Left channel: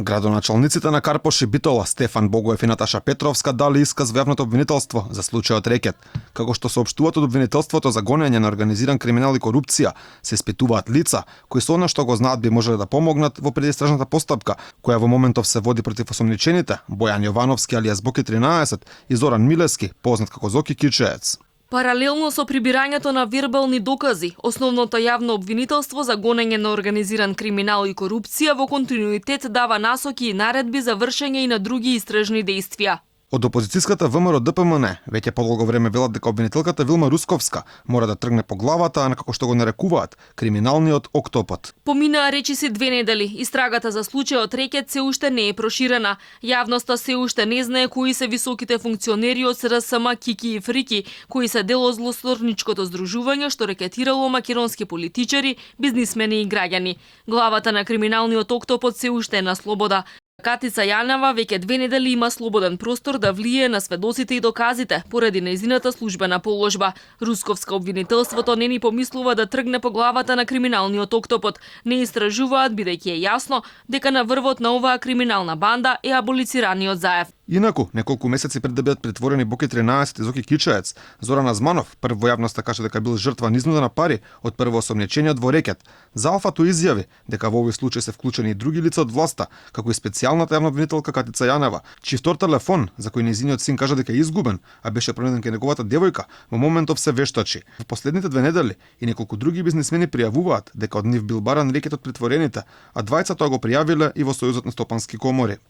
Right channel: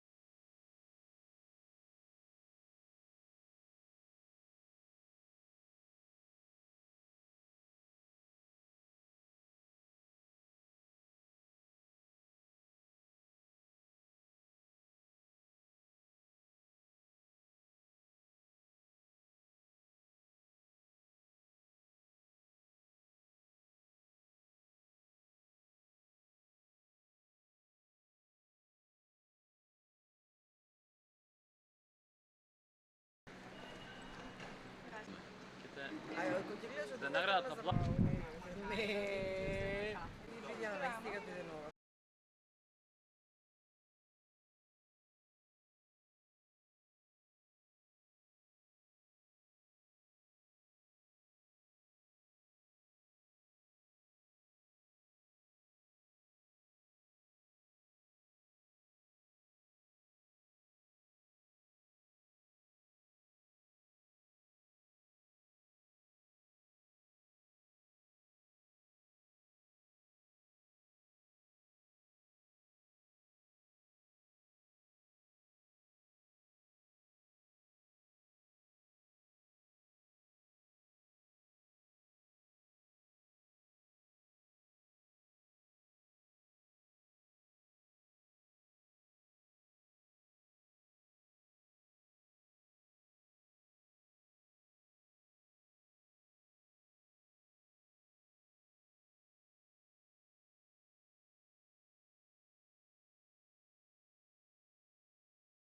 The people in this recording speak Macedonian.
Градоначалниците на Карпош и Битола, Стефан Богоев и Наташа Петровска дали исказ во јавното обвинителство за случајот Рекет. Како што соопштуваат од обвинителството за гонење на организиран криминал и корупција, се испитуваат лица кои со она што го знаат би можеле да помогнат во предистражната постапка, која во моментов се води против осомничените Бојан Јовановски алијас Боки 13 и Зоран Милевски, познат како Зоки Кичеец. Паралелно со прибирањето на вербални докази, основното јавно обвинителство за гонење на организиран криминал и корупција во континуитет дава насоки и наредби за вршење и на други истражни дејствија. Од опозицијската ВМРО ДПМН веќе подолго време велат дека обвинителката Вилма Русковска мора да тргне по главата, а на како што го нарекуваат криминалниот октопод. Поминаа речиси 2 недели. Истрагата за случајот Рекет се уште не е проширена. Јавноста се уште не знае кои се високите функционери од СРСМ Кики и Фрики, кои се дел од злосторничкото здружување што рекетирало македонски политичари, бизнисмени и граѓани. Главата на криминалниот октопод се уште е на слобода. Катица Јанева веќе 2 недели има слободен простор да влие на сведоците и доказите поради нејзината службена положба. Русковска обвинителството не ни помислува да тргне по главата на криминалниот октопод. Не истражуваат бидејќи е јасно дека на врвот на оваа криминална банда е аболицираниот Заев. Инаку, неколку месеци пред да бидат претворени Боки 13 и Зоки Кичеец, Зоран Азманов прв во јавноста каже дека бил жртва на изнуда на пари од прво осомничениот во Рекет. За Алфато изјави дека во овој случај се вклучени и други лица од власта, како и специјалната јавна обвинителка Катица Јанева, чиј втор телефон, за кој нејзиниот син кажа дека е изгубен, а беше пронеден кај неговата девојка, во моментов се вештачи. Во последните 2 недели и неколку други бизнисмени пријавуваат дека од нив бил баран Рекет од претворените, а двајца тоа го пријавиле и во Сојузот на стопански комори.